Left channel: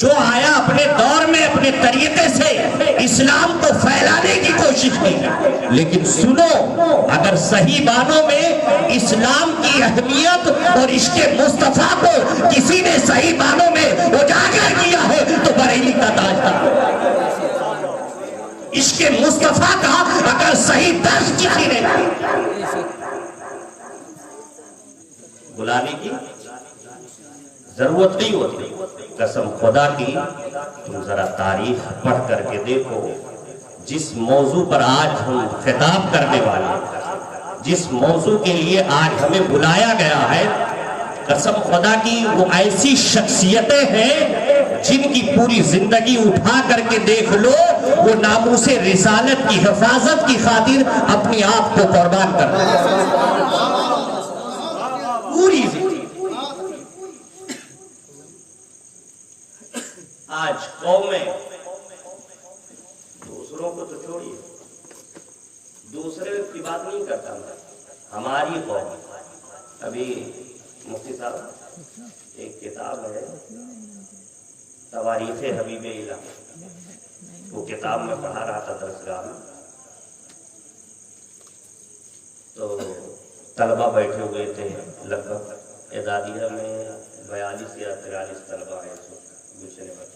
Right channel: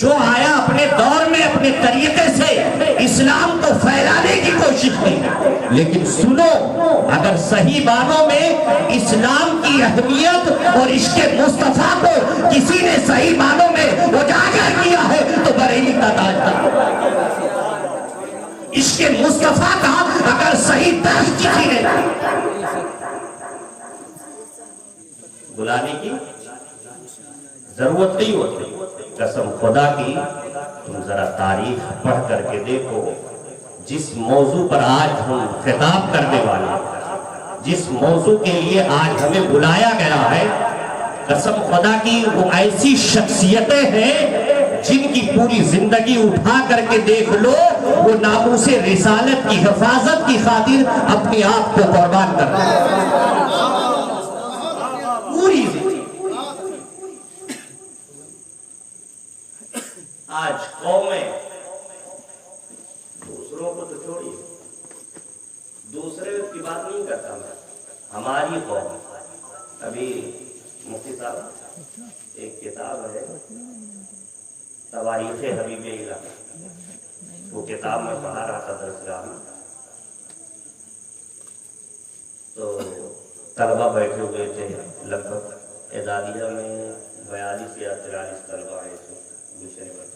جو آیا اپنے دور میں اپنے طریقے سے اسلام کو پھیلانے کی کوشش کی، لیکن سنو، اگر صحیح معنوں میں اسلام کی اہمیت اور عشق مصطفیٰ کو کسی نے صحیح معنوں میں اجاگر کیا ہے تو بریلی کا تاجدار۔ عشق مصطفیٰ کا اگر صحیح درس کسی نے بلانے کی ضرورت نہیں ہوتی۔ قسم خدا کی، تم ذرا تاریخ پڑھ کر کے دیکھو، جس موضوع پر آج ہم خطاب کرنے والے، جس موضوع کے لیے آج ہمیں بلایا گیا ہے، قسم خدا کی وہ ایسی شخصیتیں ہیں جن کی پوری زندگی اٹھا کر کے دیکھ لو، وہ ناموس رسالت کی حفاظت کی خاطر اپنے آپ کو قربان کرتے ہیں، پوری زندگی۔ آج قومیں دوسروں کو تو چھوڑیے، دوسرے کی بات نہیں کرتا میں، ہماری قوم، ابھی مفتی صاحب ایک کتاب ہے تواریخ حبیب الہ، وہ کتاب میں پڑھا رہا تھا درسگاہ میں، تو طلبہ بیٹھے ہوئے تھے، لگ بھگ اعدادیہ میں 42 یا 43 طلبہ آئے تھے، گلشن میں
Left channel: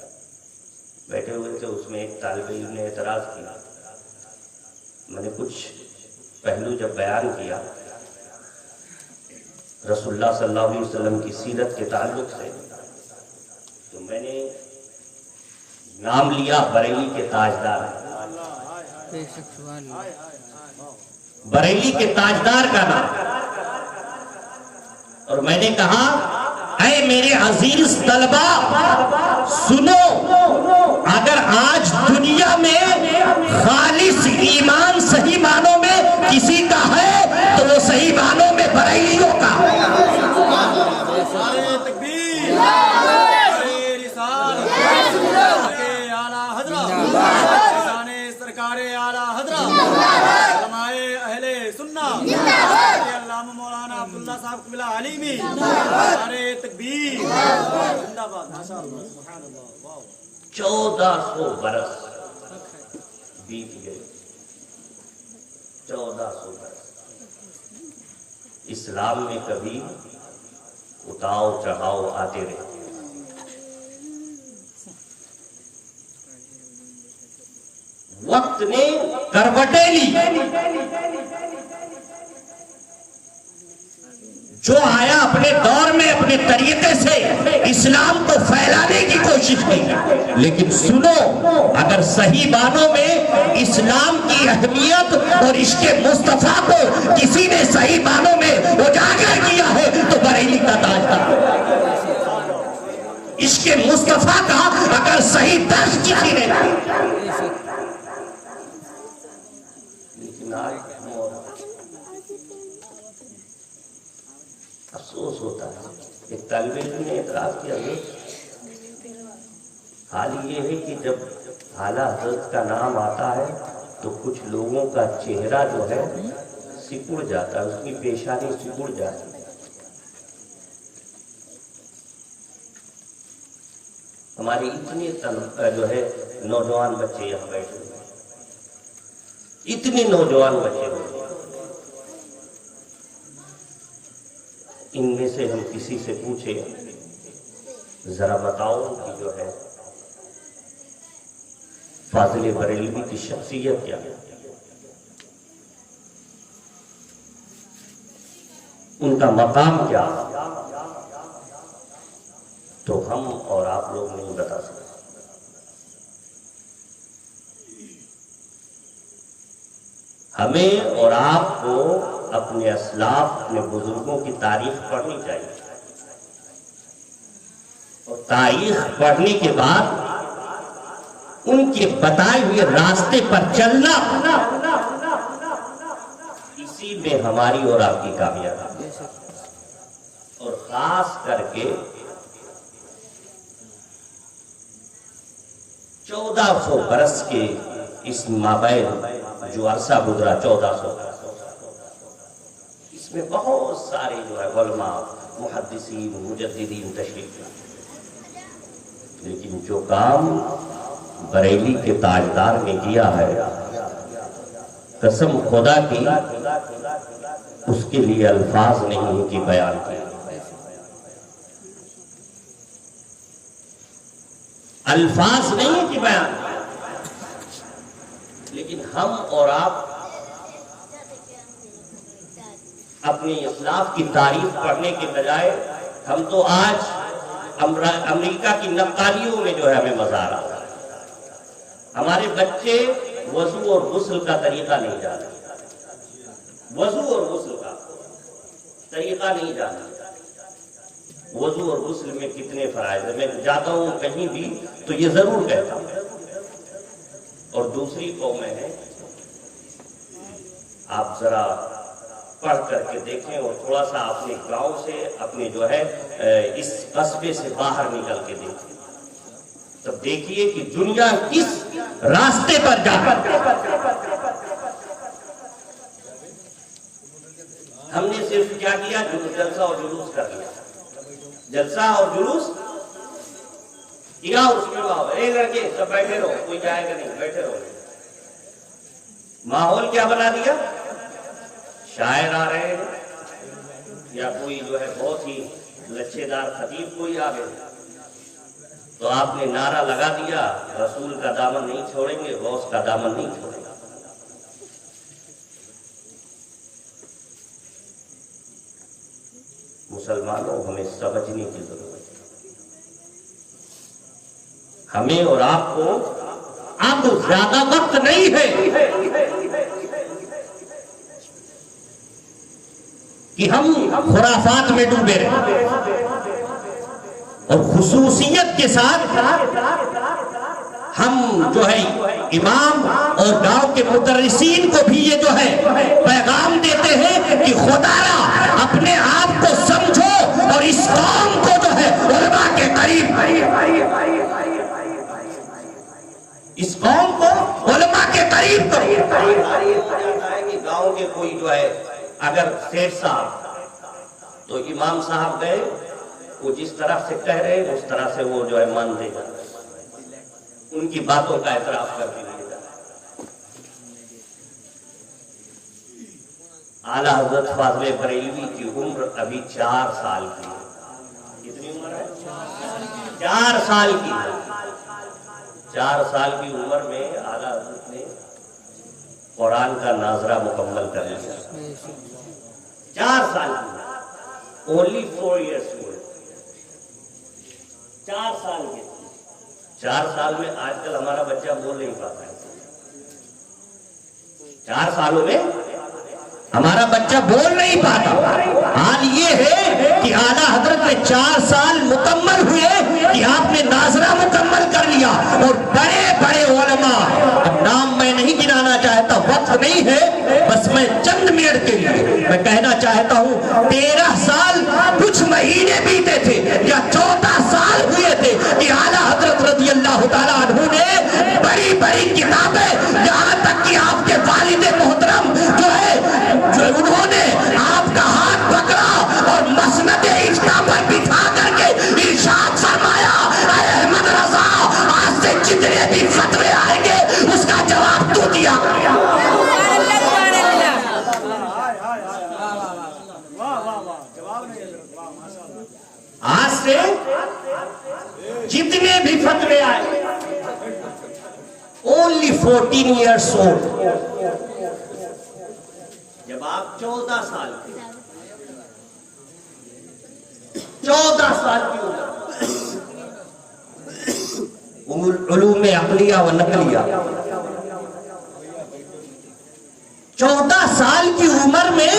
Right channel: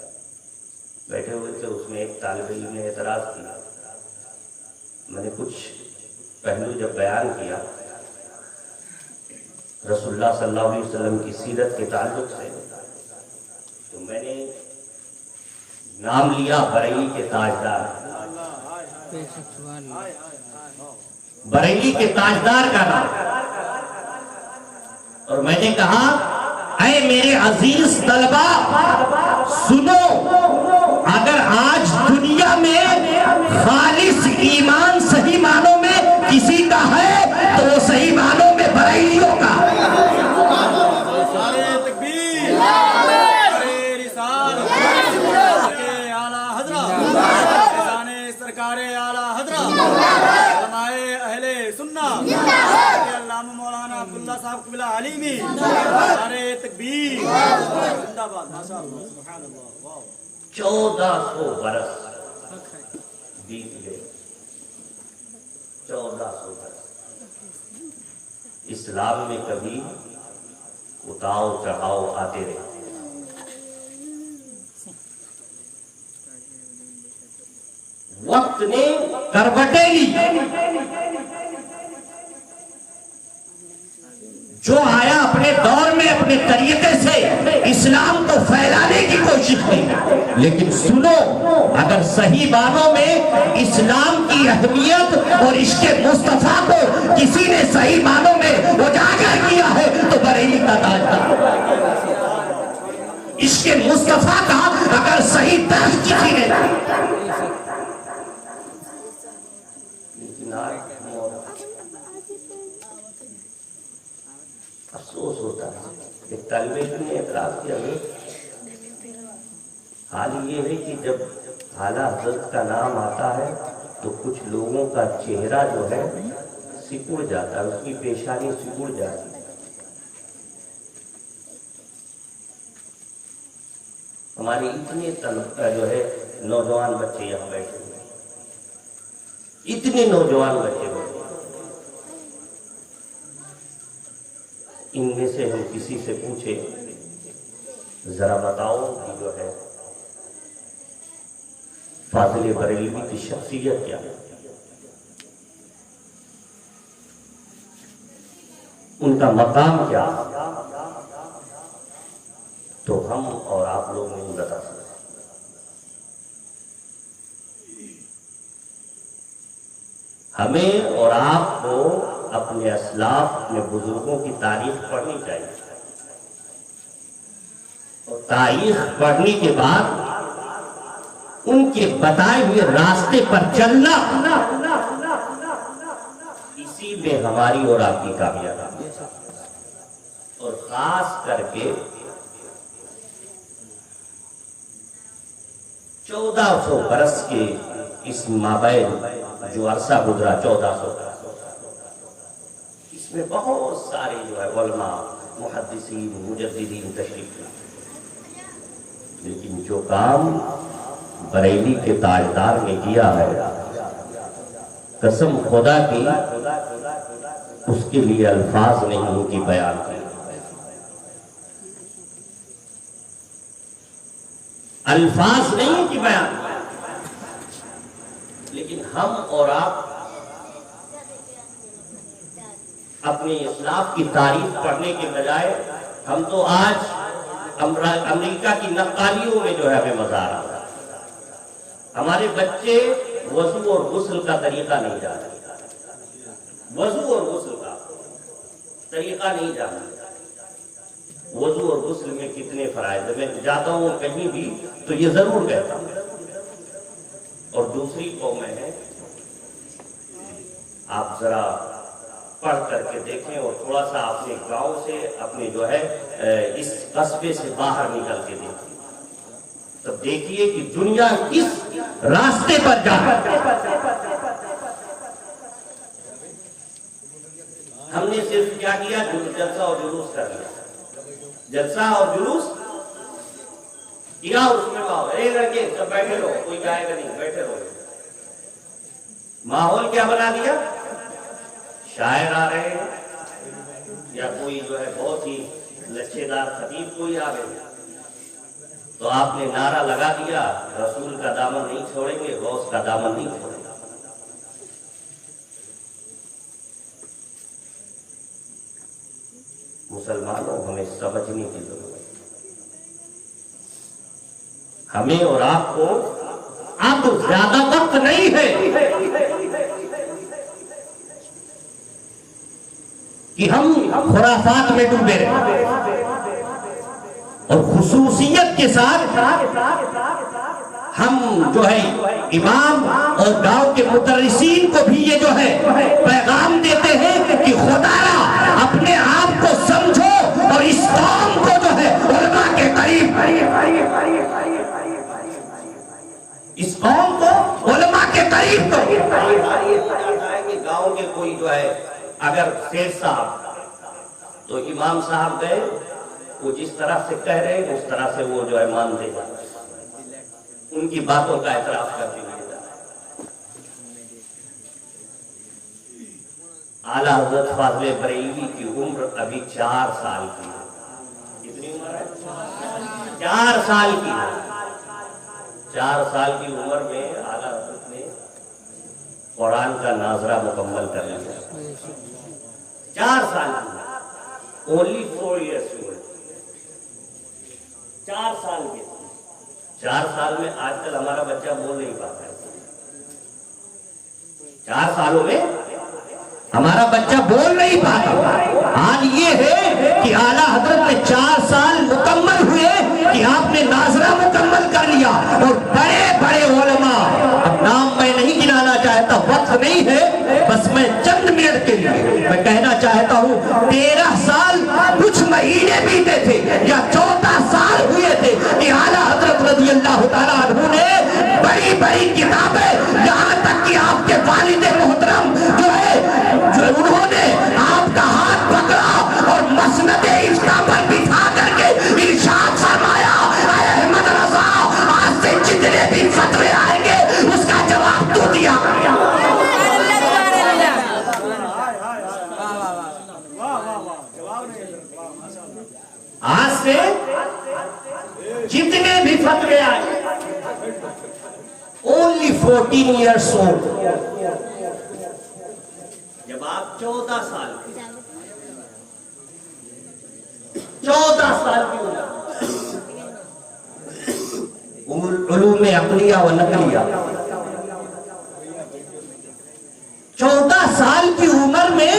بیٹھے ہوئے تھے۔ اس میں ایک طالب علم نے اعتراض کیا، میں نے کچھ پہلو جب بیان کیا رسول اللہ صلی اللہ علیہ وسلم کی سیرت کے تعلق سے، تو میں نے نام لیا بریلی کے تاجدار، بریلی کے تاجدار کا نام، اور میں نے کہا اے میرے عزیز طلبہ سنو، اگر آج دنیا میں خالص ایمان صحیح معنوں میں کسی کا ہے تو وہ صحیح معنوں میں بریلیوں کا۔ سرکار اعلیٰ حضرت علماء اہل سنت علامہ مولانا عبداللہ صاحب قبلہ علیمی، نعرہ تکبیر، زندہ باد، ماشاء اللہ، سبحان اللہ، واو۔ 1400 برس بیت گئے، 1400 برس۔ اسلام میں کبھی اتاؤ چڑھاؤ آتے رہے، وقت نے کروٹیں لی، جو آیا اپنے دور میں اپنے طریقے سے اسلام کو پھیلانے کی کوشش کی، لیکن سنو، اگر صحیح معنوں میں اسلام کی اہمیت اور عشق مصطفیٰ کو کسی نے صحیح معنوں میں اجاگر کیا ہے تو بریلی کا تاجدار۔ عشق مصطفیٰ کا اگر صحیح درس کسی نے افسوس ہوتا ہے۔ ایک طالب علم نے اعتراض کیا ہے، حال یہ ہے کہ جب اعلیٰ حضرت کا نام آتا ہے تو کچھ لوگوں کا چہرہ جو ہے سکڑ جاتا ہے، اس کی پیشانی سکڑ جاتی ہے۔ ہمارے اتنے جو ہے نوجوان بچے یہاں بیٹھے ہوئے، اتنے نوجوان بچے ہوئے، ان میں سے ہم کسی سے پوچھے ذرا بتاؤ کہ جو ہے فاضل بریلوی کی شخصیت کیا ہے، ان کا مقام کیا ہے، تو ہم اور آپ لوگ نہیں بتا سکتے۔ ہمیں اور آپ کو اپنے اسلاف، اپنے بزرگوں کی تاریخ پڑھنی چاہیے، اور تاریخ پڑھنے کے بعد ان کے بتائے ہوئے راستے پر چلنا، اسی میں ہماری اور آپ کی کامیابی، اور خاص کر کے 1400 برس کے اس مابین جو عرصہ گزرا، 1400، اس میں بہت سارے جو ہے علماء، محدثین، مجددین تشریف لائے، لیکن جو کام بریلی کے تاجدار نے کیا ہے، قسم خدا کی اس کے لیے الفاظ نہیں ہیں کہ بیان کی، الفاظ نہیں ہیں کہ بیان کی۔ لیکن ہم اور آپ اپنی اسلاف کی تاریخ پڑھنے کے بجائے ہم تو آج امریکہ کی نقالیوں میں جو ہے ہمیں مزہ آ رہا ہے۔ ہمارے بچے وضو اور غسل کا طریقہ نہیں جانتے، وضو اور غسل کا طریقہ نہیں جانتے۔ وضو اور غسل میں کتنے فرائض ہیں، میں جاتا ہوں کہیں بھی تو یہ ضرور کہتا ہوں۔ اور دوسری قومیں ہیں، آپ ذرا پڑھ کر کے دیکھیں اور تھوڑا سا اپنے گاؤں سے اپنے جو ہے اس قصبے سے باہر نکل کے دیکھیں، تب دیکھیے کہ دنیا کس راستے پر جا کر ہم نے صرف کیا کیا، جلسہ اور جلوس کر لیا، جلسہ اور جلوس کیا، اس میں اے لڑکے سب بیٹھے رہو، کوئی جائے گا نہیں، بیٹھے رہو۔ ماحول کیا بنا دیا، شاعر آ رہے ہیں یا کوئی جو ہے بہت ہی لچھے دار خطیب کوئی آ گئے، تو آپ نے نعرہ لگا دیا رسول کا دامن نہیں چھوڑیں گے، غوث کا دامن نہیں چھوڑیں گے۔ مسلمانوں، ہمیں سمجھنے کی ضرورت ہے، ہمیں اور آپ کو اب زیادہ وقت نہیں ہے کہ ہم خرافات میں ڈوبے رہے، اور خصوصیت کے ساتھ ہم جو ہے امام اور گاؤں کے مدرسین کو بھی یہ جو ہے پیغام دیتے ہیں کہ خدا اپنے آپ کو سمجھو اور اس قوم کو جو ہے علماء کے قریب، اس قوم کو علماء کے قریب کرو۔ یہ ہو جاتا ہے کہ گاؤں کے کوئی جو ہے اگر شیخ صاحب تو امام صاحب گئے، وہ جس طرح سے کہہ رہے ہیں اس طرح سے وہ جو ہے مان دے گا، ان کی باتوں کا اعتراف کرتے ہوئے جا۔ اعلیٰ حضرت فاضل بریلوی کی عمر ابھی 4 سال کی ہے۔ کتنی عمر ہے؟ 4 سال کی ہے۔ 4 سال کی عمر میں اعلیٰ حضرت نے قرآن کا ناظرہ مکمل کر لیا۔ 4 سال کی، only 4 years old۔ 4 سال کے، 4 سال میں آج کل ہمارا بچہ بول نہیں پاتا ہے۔ 4 سالوں میں ہمارا بچہ بول نہیں پاتا۔ حال یہ ہے کہ اعلیٰ حضرت نے 4 سال مکمل ہوئے کہ آپ نے ناظرہ مکمل کر لیا، اور بڑے بڑے علماء، اب نام میں نہیں گنانا چاہتا، وقت نہیں ہے، بس میں چند منٹ کے لیے میں کہنا چاہتا ہوں 13 سال کچھ مہینے بیتے تھے یا 14 سال ہوئے تھے کہ اعلیٰ حضرت رضی اللہ تعالیٰ عنہ نے بڑی بڑی کتابیں، یہاں تک کہ آپ کے والد محترم جو ہے انہوں نے آپ کا ہاتھ پکڑا اور مسند اجتماع پر بٹھا کر کے ارشاد فرمایا، اے احمد رضا، آج سے جتنے بھی فتوے آئیں گے اس کا جواب تو دیا۔ آج سے جتنے بھی فتوے آئے، only 14 years old، جب آپ 14 سال کی 14 سال کی عمر، علوم عقلیہ و نقلیہ، 14 سال کی عمر میں،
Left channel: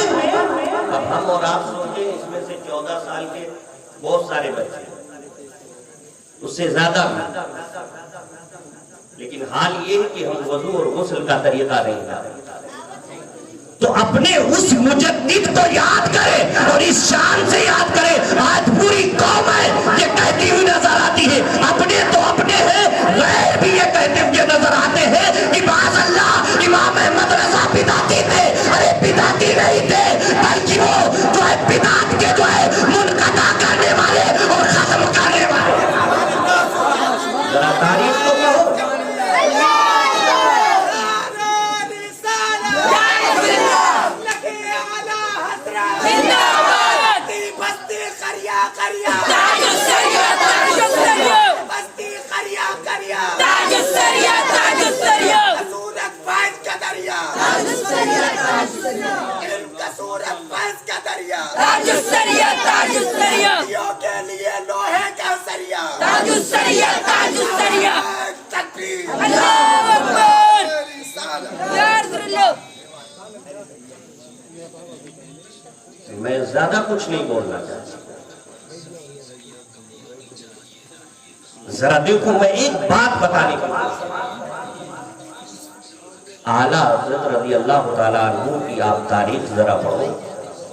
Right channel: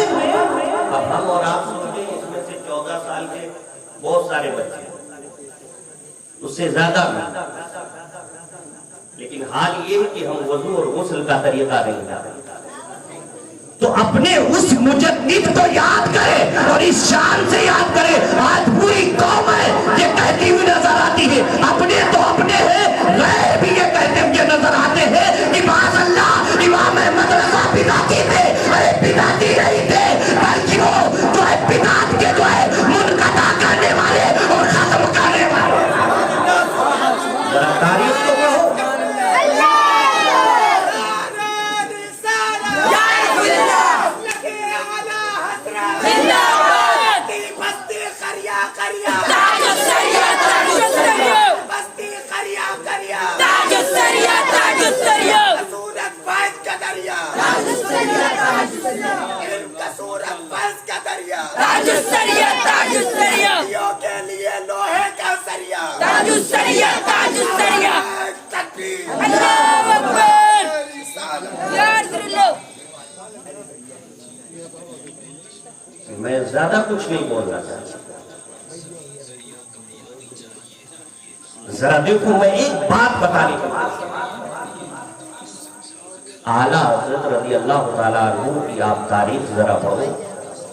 اب ہم اور آپ سوچیں اس میں سے 14 سال کے بہت سارے بچے، اس سے زیادہ بھی، لیکن حال یہ ہے کہ ہم وضو اور غسل کا طریقہ نہیں جانتے۔ تو اپنے اس مجدد کو یاد کرے اور اس شان سے یاد کرے۔ آج پوری قوم ہے یہ کہتی ہوئی نظر آتی ہے، اپنے تو اپنے ہیں، غیر بھی یہ کہتے ہوئے نظر آتے ہیں کہ معاذ اللہ امام احمد رضا بدعتی تھے۔ ارے بدعتی نہیں تھے، بلکہ وہ جو ہے بدعت کے جو ہے منقطع کرنے والے اور ختم کرنے والے۔ ذرا تعریف تو کہو. میں زیادہ کچھ نہیں بولنا چاہتا. ذرا دیکھو میں ایک بات بتانے کے لیے اعلیٰ حضرت رضی اللہ تعالیٰ عنہ کی آپ تاریخ ذرا پڑھو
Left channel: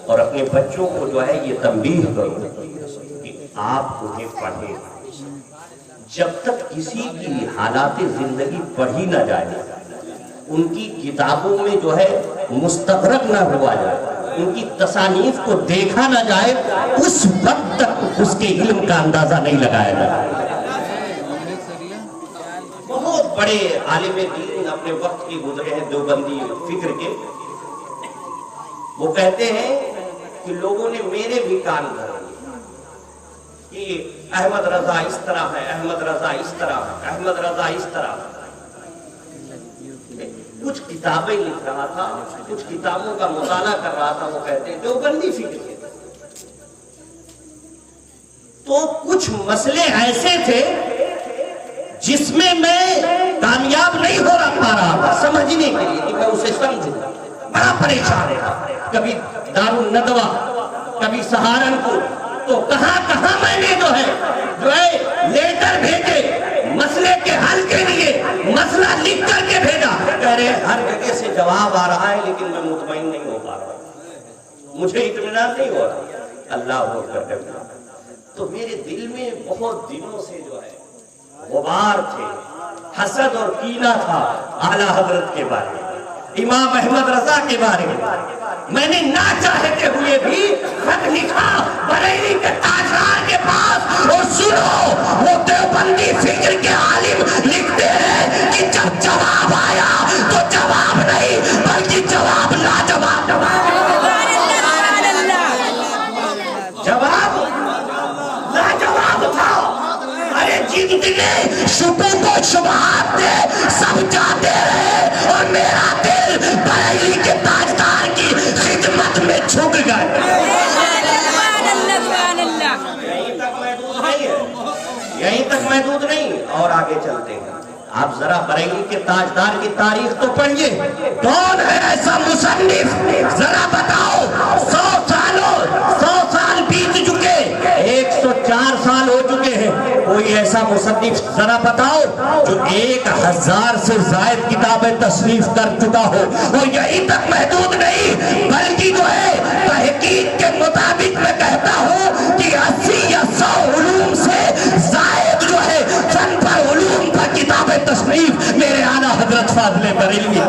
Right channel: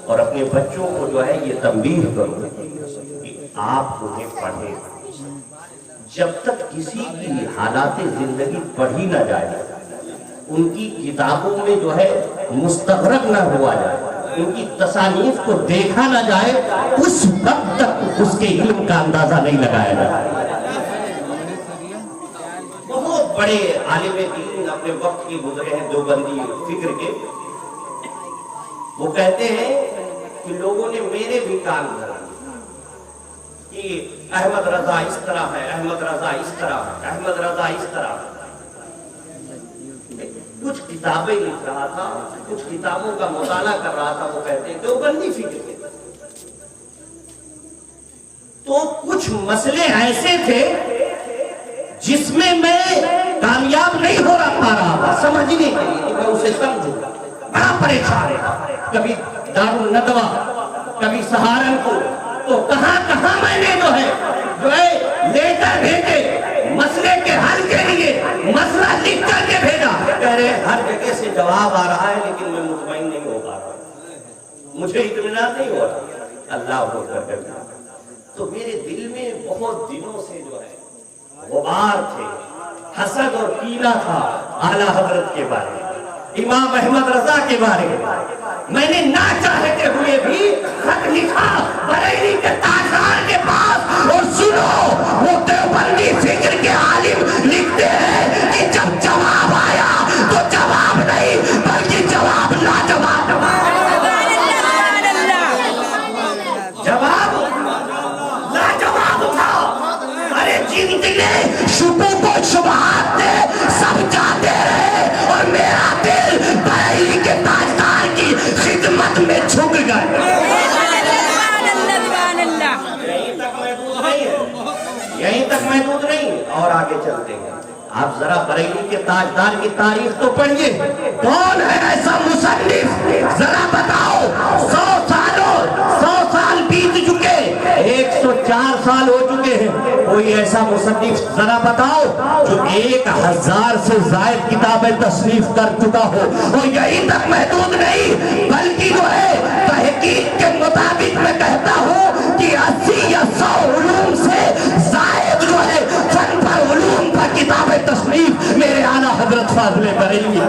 اور اپنے بچوں کو جو ہے یہ تنبیہ کرو کہ آپ انہیں پڑھیں. جب تک کسی کی حالات زندگی پڑھی نہ جائے, ان کی کتابوں میں جو ہے مستغرق نہ ہوا جائے, ان کی تصانیف کو دیکھا نہ جائے, اس وقت تک اس کے علم کا اندازہ نہیں لگایا جائے. بہت بڑے عالم دین اپنے وقت کے گزرے ہیں دیوبندی فکر کے. وہ کہتے ہیں کہ لوگوں نے میرے بھی کان دھرے کہ احمد رضا اس طرح ہے, احمد رضا اس طرح ہے, احمد رضا اس طرح ہے. کچھ کتابیں لکھ رہا تھا, کچھ کتابوں کا مطالعہ کر رہا تھا. وہ کہتے ہیں دیوبندی فکر کے تو کچھ مسئلے ایسے تھے جس میں کامیاب نہیں ہو پا رہا تھا سمجھنے کے لیے کہ میں اسے سمجھوں. بڑا پریشان ہے, کبھی دارالندوا, کبھی سہارنپور, تو کہاں میں نے جو ہے لیٹر بھیجے مسئلے کے حل کے لیے, مسئلہ لکھ کر کے بھیجا. کہہ رہے ہر جگہ سے جواب آ رہا ہے لیکن میں مطمئن نہیں ہو پا رہا, مجھے اطمینان نہیں ہو رہا. اللہ اکبر. تو میرے دل میں بہت دنوں سے جو ہے غبار تھے, حسد اور کینہ تھا اعلیٰ حضرت کے بارے میں, امام احمد رضا کے بارے میں. میں نے نہ چاہتے ہوئے بھی خط لکھا بریلی کے تاجدار کے پاس, اور سنو وہ دیوبندی فکر کے عالم لکھتے ہیں کہ جب جواب آیا تو جواب نہیں بلکہ جواب لاجواب. جواب لاجواب تھا. ارے جن دلیں شکوک و شبہات تھے سب جاتے رہے, اور میرا دل بریلی کے تاجدار کی خدمت میں جھک گئے. یہیں تک محدود نہیں, اور آگے چلتے ہیں. آپ ذرا بریلی کے تاجدار کی تاریخ تو پڑھیے. کون ہے ایسا مصنف, ذرا بتاؤ. 100 سال بیت چکے, 104 سال ہو چکے ہیں. کوئی ایسا مصنف ذرا بتاؤ جو 1000 سے زائد کتابیں تصنیف کر چکا ہو. اور یہیں تک محدود نہیں بلکہ جو ہے تحقیق کے مطابق میں کہتا ہوں کہ 80 یا 100 علوم سے زائد جو ہے فن پر, علوم پر کتابیں تصنیف میرے اعلیٰ حضرت فاضل بریلوی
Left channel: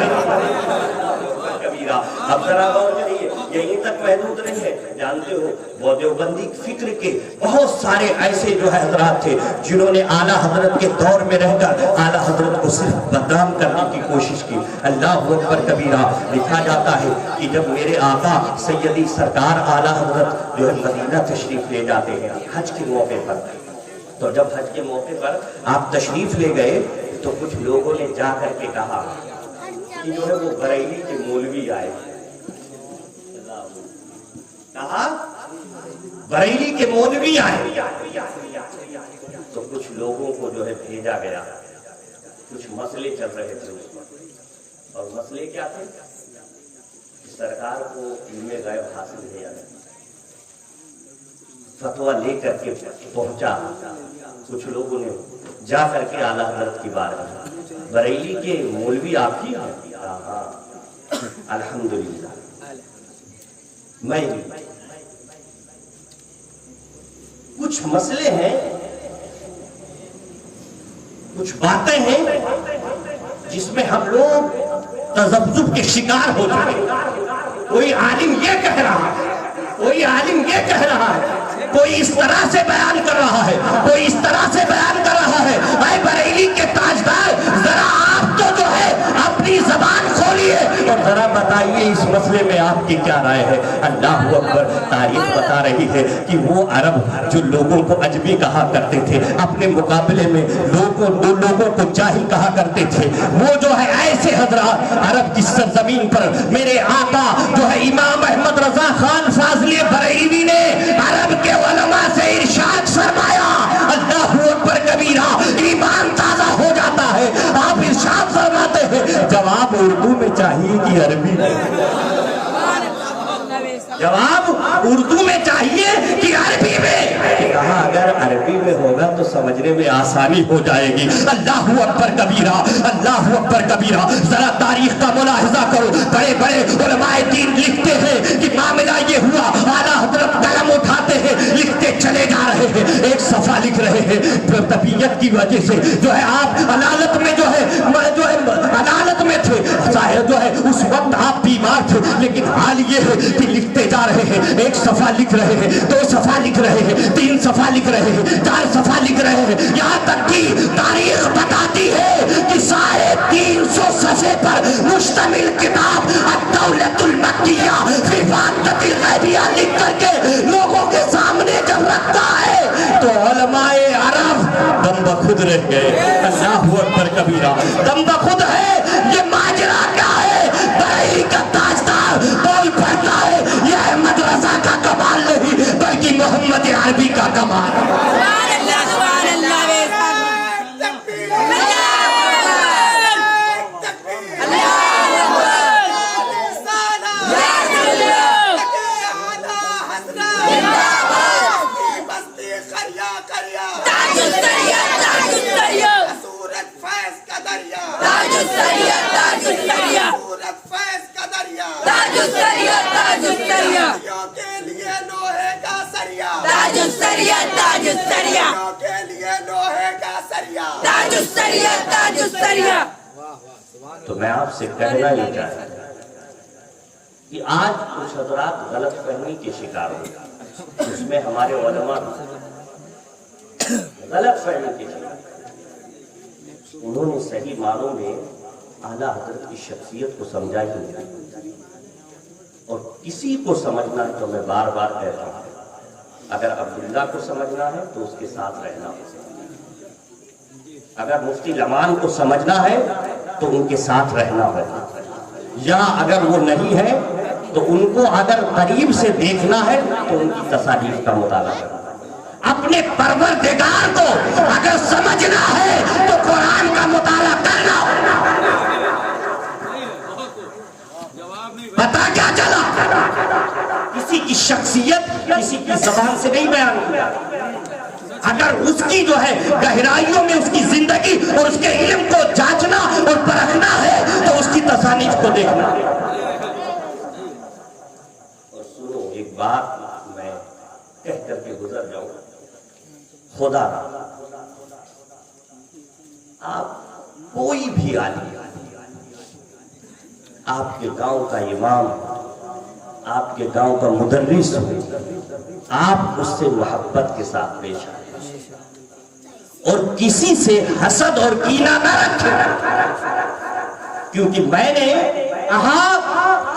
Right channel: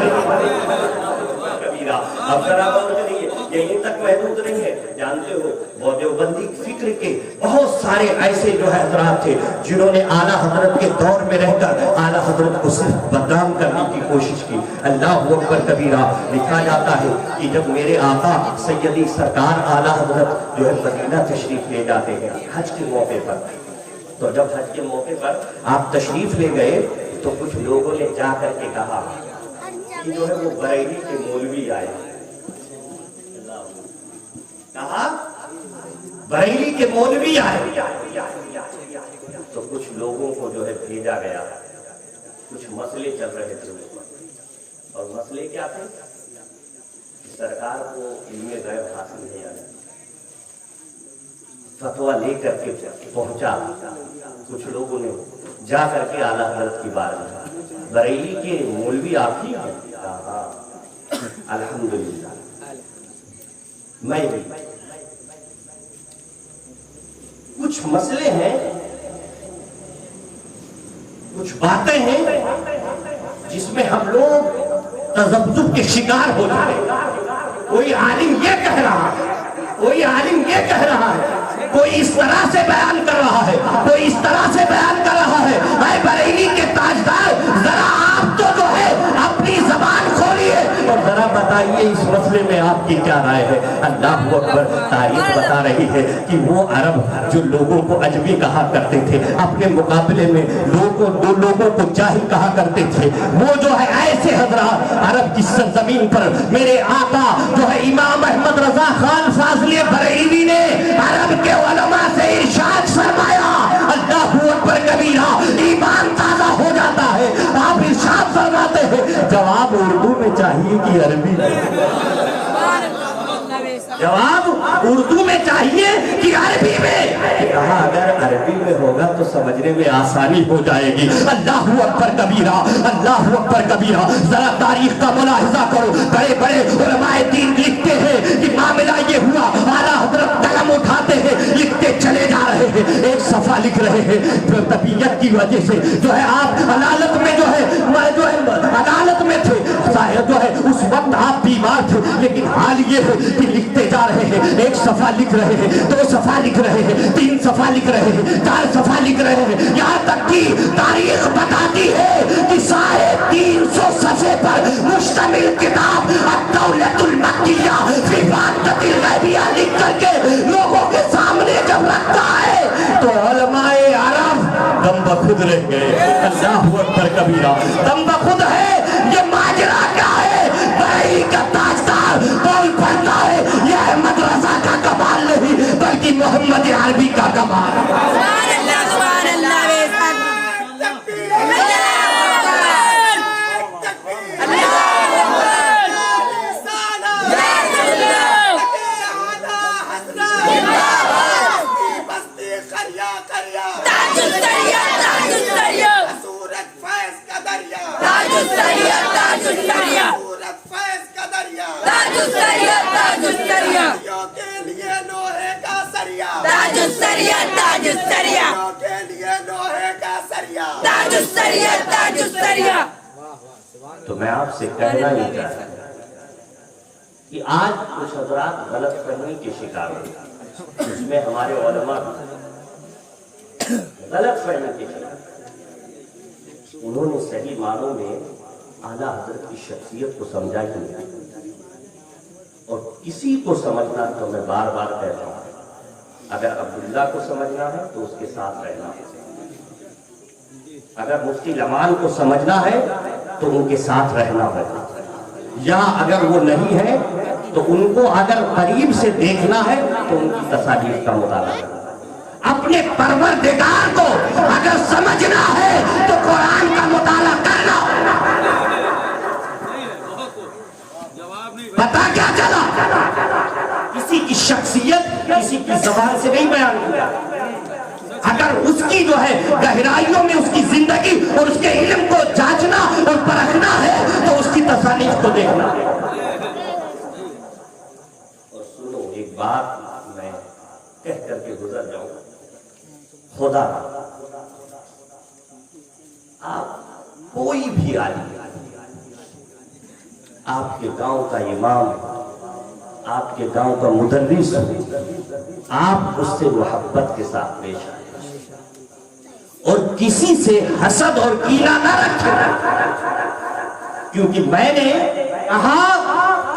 کبیرہ. اب ذرا غور کریے, یہیں تک محدود نہیں ہے. جانتے ہو وہ دیوبندی فکر کے بہت سارے ایسے جو حضرات تھے جنہوں نے اعلیٰ حضرت کے دور میں رہ کر اعلیٰ حضرت کو صرف بدنام کرنے کی کوشش کی. اللہ اکبر کبیرہ. لکھا جاتا ہے کہ جب میرے آقا سیدی سرکار اعلیٰ حضرت جو ہے مدینہ تشریف لے جاتے ہیں حج کے موقع پر, تو جب حج کے موقع پر آپ تشریف لے گئے تو کچھ لوگوں نے جا کر کے کہا کہ جو ہے وہ بریلی کے مولوی آئے. کہا بریلی کے مولوی آئے. تو کچھ لوگوں کو جو ہے بھیجا گیا, کچھ مسئلے چل رہے تھے اس پر. اور مسئلے کیا تھے؟ سرکار کو علم غیب حاصل نہیں آیا. فتویٰ لے کر کے پہنچا. کچھ لوگوں نے جا کر کے اعلیٰ حضرت کی بات کی, بریلی کے مولوی آپ ہی ہیں؟ الحمدللہ میں بھی. کچھ مسئلے ہیں, کچھ باتیں ہیں جس میں ہم لوگ تذبذب کے شکار ہو چکے. کوئی عالم یہ کہہ رہا ہے, کوئی عالم یہ کہہ رہا ہے, کوئی اس طرح سے بیان کر رہا ہے، کوئی اس طرح سے بیان کر رہا ہے، اے بریلی کے تاجدار ذرا آپ تو جو ہے اپنی زبان کھولیے اور ذرا بتائیے اس مسئلے میں آپ کی کیا رائے ہے۔ اللہ اکبر، تاریخ بتا رہی ہے کہ وہ عرب جو لوگوں کو اجمی کہا کرتے تھے، اپنے مقابلے میں دو لوگوں کو جاہل کہا کرتے تھے، وہ جو ہے ایسے حضرات عرب کی سرزمین پر میرے آقا جو ہے امام احمد رضا خان فاضلی بریلوی نے عرب کے علماء سے ارشاد فرمایا، اللہ اکبر کبیرہ، ایمان تازہ ہو جاتا ہے۔ آپ ارشاد فرماتے ہیں جواب اردو میں چاہیے کہ عربی میں؟ جواب اردو میں چاہیے کہ عربی میں؟ کہا اگر عربی میں ہوگا تو سمجھنے میں آسانی ہو جائے گی۔ اللہ اکبر کبیرہ، اللہ اکبر کبیرہ، ذرا تاریخ کا ملاحظہ کرو، بڑے بڑے علماء دین لکھتے ہیں کہ معاملہ یہ ہوا، اعلیٰ حضرت قلم اٹھاتے ہیں، لکھتے چلے جا رہے ہیں، ایک صفحہ لکھ رہے ہیں، پھر طبیعت کی وجہ سے جو ہے آپ عدالت میں جو ہے عدالت میں تھے، جو ہے اس وقت آپ بیمار تھے، لیکن حال یہ ہے کہ لکھتے جا رہے ہیں، ایک صفحہ لکھ رہے ہیں، 2 صفحہ لکھ رہے ہیں، 3 صفحہ لکھ رہے ہیں، 4 صفحہ لکھ رہے ہیں، یہاں تک کہ تاریخ بتاتی ہے کہ 350 صفحے پر مشتمل کتاب الدولۃ المکیہ فی وحدۃ الغیبیہ لکھ کر کے لوگوں کے سامنے جب رکھتا ہے تو علماء عرب دم بخود رہ گئے۔ اللہ اکبر کبیرہ، دم بخود ہے۔ یہ ماجرا کیا ہے؟ بریلی کا تاجدار بول پڑتا ہے یہ احمد رضا کا کمال نہیں بلکہ محمد عربی کا کمال ہے۔ سبحان اللہ، سبحان اللہ، تو میں آپ سے کہنا یہ چاہتا ہوں کہ آج کچھ حضرات غلط فہمی کے شکار ہوئے، جس میں ہمارے علماء غلط فہمی کے شکار، انہوں نے صحیح معنوں میں اعلیٰ حضرت کی شخصیت کو سمجھا ہی نہیں، اور کسی کو سمجھنا تو میں بار بار کہتا ہوں اگر عبداللہ کو سمجھنا ہے تو اس کے ساتھ رہنا ہے، اگر مفتی لمان کو سمجھنا ہے تو ان کے ساتھ رہنا ہے، یا اگر وہ نہیں ہے تو ان کو اگر قریب سے دیکھنا ہے تو ان کی تصانیف کا مطالعہ کرنا۔ اپنے پروردگار کو اگر سمجھنا ہے تو قرآن کا مطالعہ کرنا۔ پتا کیا چلا؟ کسی کی شخصیت کسی کی زبان سے نہیں بیان کیا، اگر اس کی جو ہے گہرائیوں میں اس کی زندگی اور اس کے علم کو جانچنا اور پرکھنا ہے تو اس کی تصانیف کو دیکھنا۔ اور سنو ایک بات میں کہہ کر کے گزر جاؤں گا، خدا آپ کوئی بھی عالم، آپ کے گاؤں کا امام، آپ کے گاؤں کا مدرس، آپ اس سے محبت کے ساتھ پیش آئیں اور کسی سے حسد اور کینہ نہ رکھیں، کیونکہ میں نے کہا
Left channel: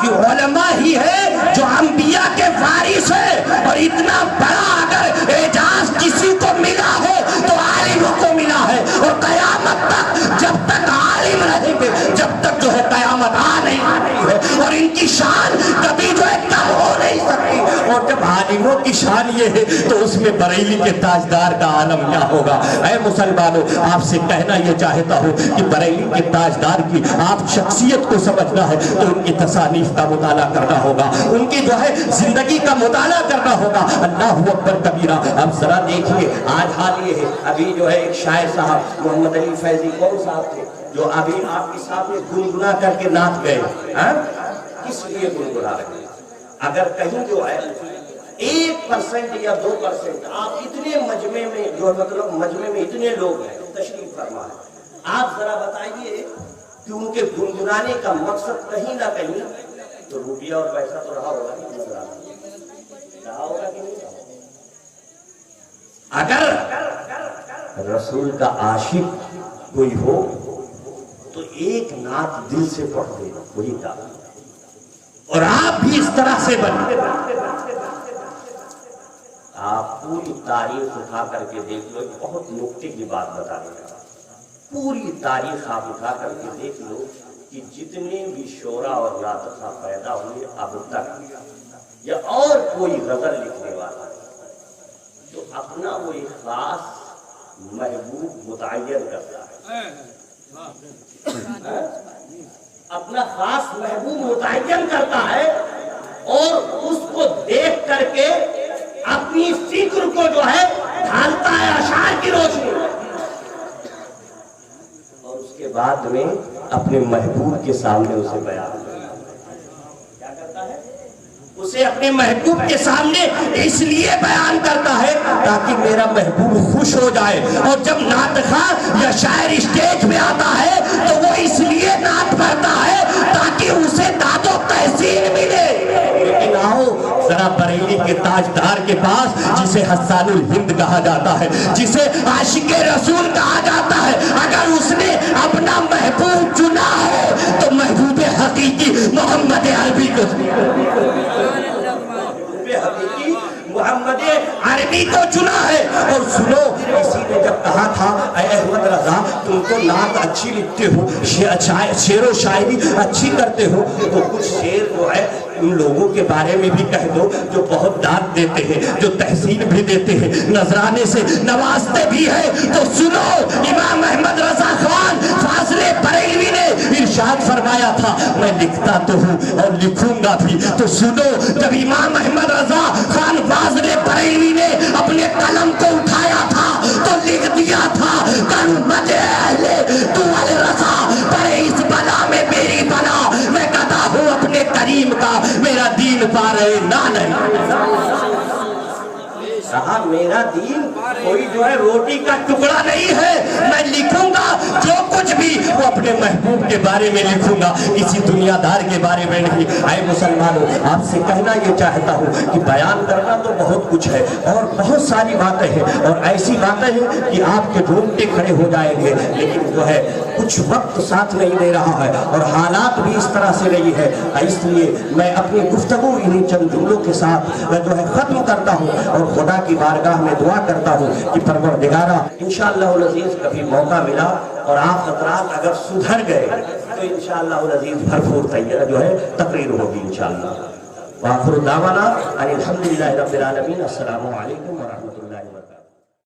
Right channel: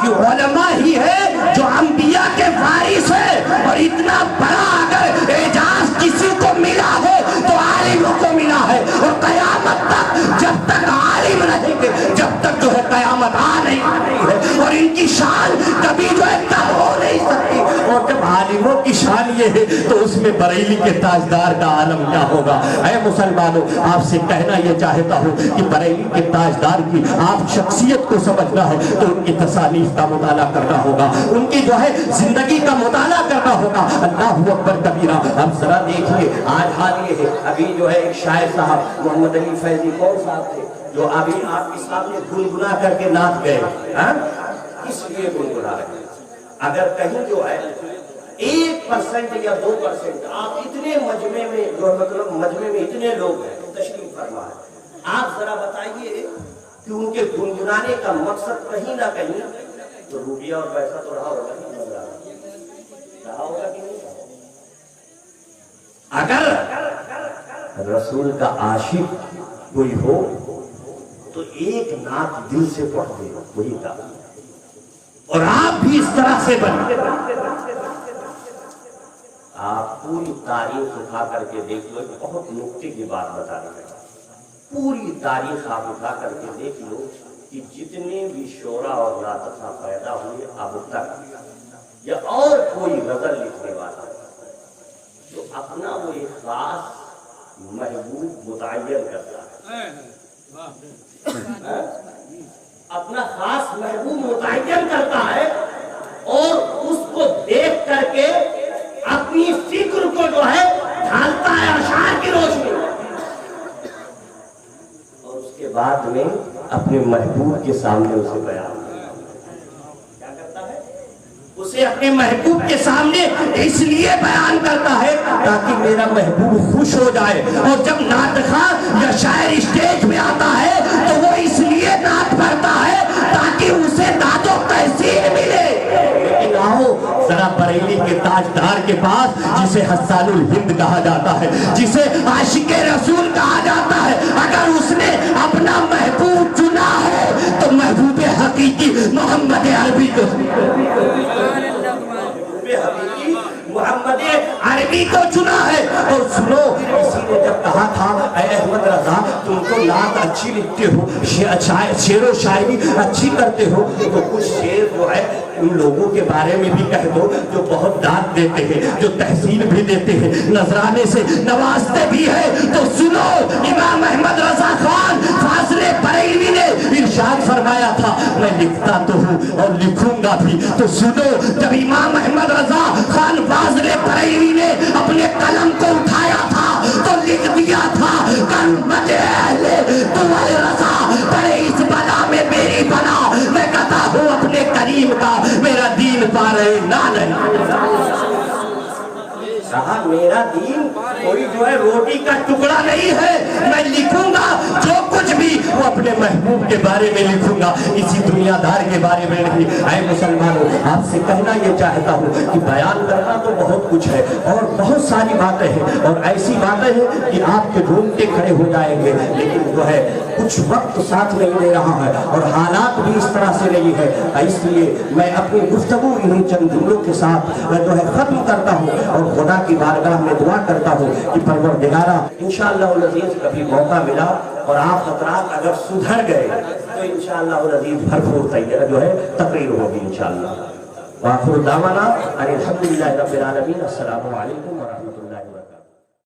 کہ علماء ہی ہے جو انبیاء کے وارث ہے، اور اتنا بڑا اگر اعزاز کسی کو ملا ہے تو عالموں کو ملا ہے، اور قیامت تک جب تک عالم رہیں گے، جب تک جو ہے قیامت آ نہیں رہی ہے، اور ان کی شان کبھی جو ہے کم ہو نہیں سکتی، اور جب عالموں کی شان یہ ہے تو اس میں بریلی کے تاجدار کا عالم کیا ہوگا۔ اے مسلمانوں، آپ سے کہنا یہ چاہتا ہوں کہ بریلی کے تاجدار کی آپ شخصیت کو سمجھنا ہے تو ان کی تصانیف کا مطالعہ کرنا ہوگا، ان کی جو ہے زندگی کا مطالعہ کرنا ہوگا۔ اللہ اکبر کبیرہ۔ اب ذرا دیکھیے آج حال یہ ہے، ابھی جو ہے ایک شاعر صاحب محمد علی فیضی کون صاحب تھے جو ابھی آپ کے سامنے گنگنا کر کے ناچ گئے، کس لیے گنگنا رہے؟ اگر کہیں جو ہے 1% یا 2% آپ اتنے مجمع میں جو مطلب مجمع میں اتنے لوگ ہیں تشریف فرما ہے، آپ ذرا بتائیے کہ ان کے گنگنانے کا مقصد کہیں نہ کہیں تو روپیہ اور پیسہ تو رہا ہوگا، نہیں رہا ہوگا کہ نہیں رہا ہوگا؟ اگر رسول کا عاشق کوئی ہو تو ایک نعت دل سے پڑھ دے، وہی کا، اور آپ بھی اس طرح سے بنے۔ آپ پوری تاریخ اٹھا کر کے دیکھ لو، بہت نکتے کی بات بتا رہا ہے، پوری تاریخ آپ اٹھا کر کے دیکھ لو کہ جتنے بھی شعرا اور ناطقہ پیدا ہوئے اب تک، یا اور کوئی غزل لکھنے والا تو اپنا وہ ایک خاص محبوب متعین کرتا ہے، اپنا خاص محبوب متعین کرتا ہے، اور اس کو دیکھ کر کے اپنی فکر کو جو ہے ڈھالتا ہے اشعار کی روشنی، اور اس کے بعد میں اپنے محبوب کے سامنے اسے بیان کیا کرتا ہے، اسے اپنے محبوب کے سامنے اس لیے بیان کرتا ہے تاکہ میرا محبوب خوش ہو جائے۔ اور جب نعت خواں یا شاعر اسٹیج پہ آتا ہے تو وہ اس لیے نعت پڑھتا ہے تاکہ اسے نعت و تحسین ملے۔ لیکن آؤ ذرا بریلی کے تاجدار کے پاس، جسے حسان الہند کہا جاتا ہے، جسے عاشق رسول کہا جاتا ہے، اگر اس نے اپنا محبوب چنا ہے تو محبوب حقیقی محمد عربی کو، محمد عربی کو چنا ہے۔ اور سنو، کسی نے جب کہا تھا اے احمد رضا تم تو نعت اچھی لکھتے ہو، شعر و شاعری اچھی کرتے ہو، تو کچھ شعر جو ہے ان لوگوں کے بارے میں بھی کہہ دو جو بہت داد دیتے ہیں، جو تحسین بھی دیتے ہیں، نذرانے سے نوازتے بھی ہیں۔ تو سنو، امام احمد رضا خان فاضل بریلوی نے ارشاد فرمایا تھا میں لکھتا تو ہوں اور لکھوں گا بھی۔ تو سنو، جب امام احمد رضا خان فاضل بریلوی نے اپنے قلم کو اٹھایا تھا تو لکھ دیا تھا کلمت اہل تو رضا پر اس بلا میں میری بلا، میں کہتا ہوں اپنے کریم کا میرا دین پا رہے نہ نہیں۔ صاحب میرا دین کوئی جو ہے روٹی کا ٹکڑا نہیں ہے، میں لکھوں گا جو کچھ بھی وہ اپنے محبوب کے بارے میں لکھوں گا، کسی دنیا دار کے بارے میں نہیں۔ اے مسلمانوں، آپ سے کہنا یہ چاہتا ہوں کہ بیان کرنا تو بہت کچھ ہے اور بہت ساری باتیں ہیں، اور ایسی باتیں ہیں کہ آپ کے رونگٹے کھڑے ہو جائیں گے، لیکن جو ہے کچھ وقت ساتھ نہیں دے رہا ہے اور حالات بھی اس طرح سے نہیں ہے، اس لیے میں اپنی گفتگو انہیں چند جملوں کے ساتھ جو ہے ختم کرتا ہوں، اور خدا کی بارگاہ میں دعا کرتا ہوں کہ پروردگارہ انشاءاللہ العزیز کبھی موقع ملا اور آپ حضرات اگر سدھر گئے تو انشاءاللہ العزیز بھرپور تیار جو ہے تقریر ہوگی انشاءاللہ۔ وآخر دعوانا ان الحمدللہ رب العالمین۔ السلام علیکم ورحمۃ اللہ۔